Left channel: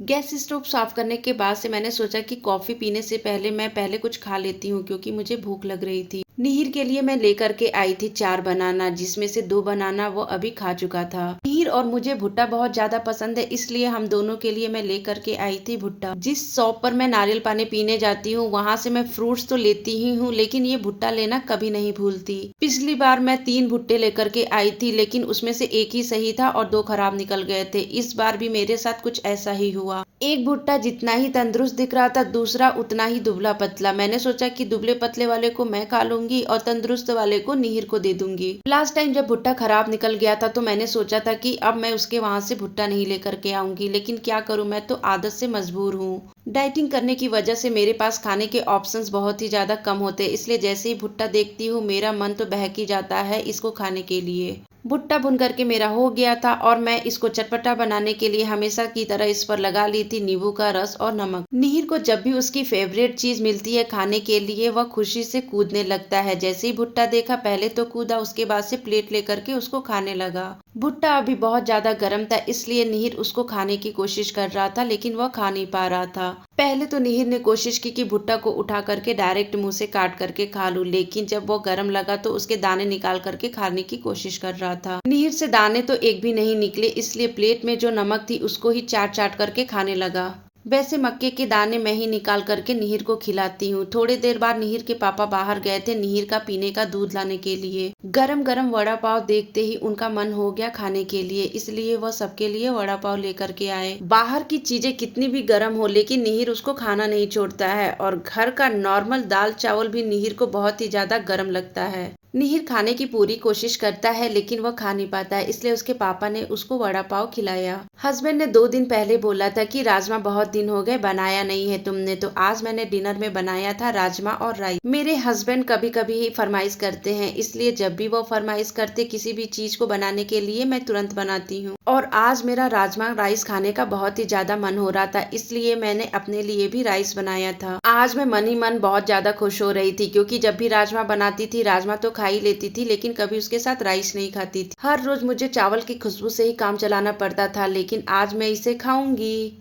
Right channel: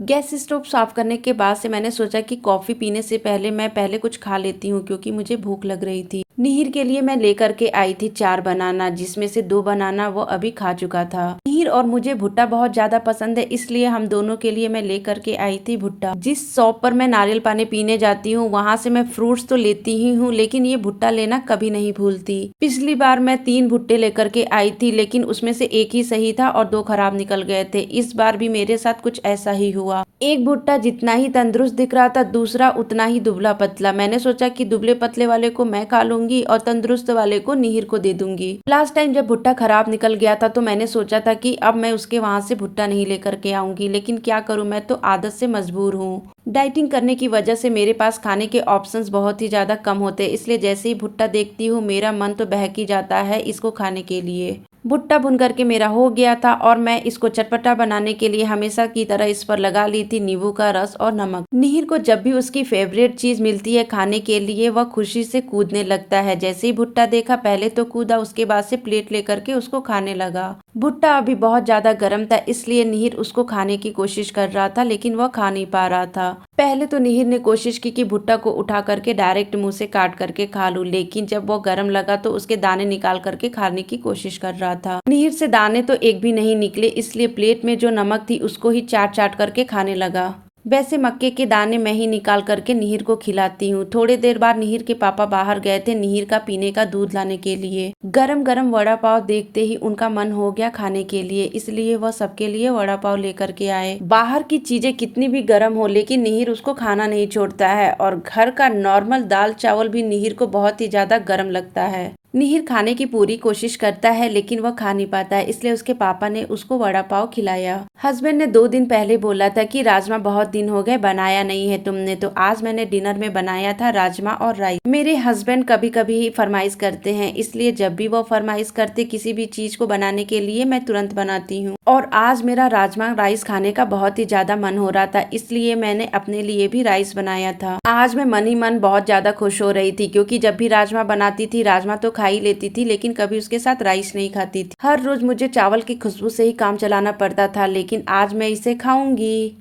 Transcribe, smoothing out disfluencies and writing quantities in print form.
Gas stove साफ करने के बाद से मैंने सोचा कि कॉफी पीने से पहले मैं पहले कुछ खा लेती हूँ क्योंकि मुझे भूख लग रही थी। निहिर के लिए मैं लेकर के आई थी 4 बनाना, जिसमें से 2 बनाना वो अभी खा चुका था। निहिर और मुझे भुट्टा बहुत ज्यादा पसंद है, इसलिए हम दोनों के लिए मैं लेकर के आई थी भुट्टा। जिस शॉप पर मैं नारियल पानी पीने जाती हूँ वहां से मैं फ्रूट्स तो लेती ही हूँ, लेकिन ये भुट्टा लेना कभी नहीं भूलती। पिछली बार मैं 3 भुट्टे लेकर के आई थी, लेकिन उसमें से एक ही सही था और 2 खराब निकल गए थे। इस बार भी मेरे साथ कुछ ऐसा ही हुआ। एक भुट्टा जितना ही तंदुरुस्त दिख रहा था, दूसरा उतना ही दुबला पतला। मैंने सोचा कि दुबले पतले वाले को मैं खा लूंगी और तंदुरुस्त वाले को निहिर को दे दूंगी। लास्ट टाइम जब भुट्टा खराब निकल गया था तो मैंने सोचा था कि अब मैं उसके वहां से भुट्टा नहीं लेकर के आऊंगी, लेकिन क्या करूं, मैं तो आदत से मजबूर हूँ। डाइटिंग करने की वजह से मेरे पास खाने के ऑप्शंस बहुत ही ज्यादा कम होते हैं, इसलिए जैसे ही भुट्टा देखती हूँ मेरा मन तो बहक ही जाता है इसको खाने के लिए। भुट्टा भुन करके मेरा हो गया था और मैं इसको चटपटा बनाने के लिए हमेशा की तरह इस पर लगा ली थी नींबू का रस और नमक। निहिर को जब भी उसकी फेवरेट चीज मिलती है खाने के लिए वह खुशी से कूदने लगता है। जैसे ही भुट्टा देखा पहले तो कूदा, उसके बाद से प्लेट लेकर के उसको खाने लगा। भुट्टा अभी बहुत ज्यादा गर्म था, इसलिए निहिर उसको खाने की कोशिश कर रहा था, लेकिन वह खा नहीं पा रहा था। पहले तो निहिर ने कोशिश की कि भुट्टा को उठा करके डायरेक्ट मुंह से काट करके खा लूं, लेकिन जब वो गर्म लगा तो उसके दाने निकाल करके खाने की कोशिश कर रहा था। निहिर से दाने तो एक भी नहीं निकले, इसलिए प्लेट में जो नमक थी उसको ही चाट चाट करके खाने लगा। वैसे मक्के के दाने मैं ही निकाल करके निहिर को खिलाती हूँ। थोड़ी देर बाद निहिर के पापा बाहर गए थे निहिर का पीने का दूध लाने के लिए। गरम गरम वड़ा पाव देखते ही उनका मन हो गया खाने के लिए, इसलिए वह सबके लिए वड़ा पाव लेकर के आए। बाहर की चीजें कितनी भी गर्म हो, लेकिन निहिर उसको खाना नहीं छोड़ता है, और घर का नॉर्मल दाल चावल भी निहिर को बहुत ही ज्यादा गर्म लगता है। निहिर खाने की पूरी कोशिश करता है लेकिन वह खा नहीं पाता है, इसलिए उसके पापा ने उसको वड़ा पाव खिलाया। हस्बैंड ने 2 दिन पहले बोला था कि राजमा बहुत दिन हो गए बनाया नहीं है तुमने, तो आज मैंने डिनर में बनाया था राजमा और राइस। मेरे हस्बैंड कभी कभी ही फरमाइश करते हैं, इसलिए जब भी वो फरमाइश करते किसी भी चीज को बनाने के लिए मैं तुरंत बनाती हूँ। और आज मेरा राजमा राइस खाने का बहुत ही ज्यादा मन हो रहा था, इसलिए मैंने अपने लिए भी राइस बनाया था। आज मैं मन ही मन बहुत ज्यादा खुश हो रही थी, क्योंकि जब भी राजमा बनाती थी राजमा तो खा ही लेती थी, लेकिन कभी उसके साथ राइस नहीं खाती थी। हर रोज मुझे चावल की खुशबू से ही काम चलाना पड़ता था, लेकिन आज मैं इसे खाऊंगी।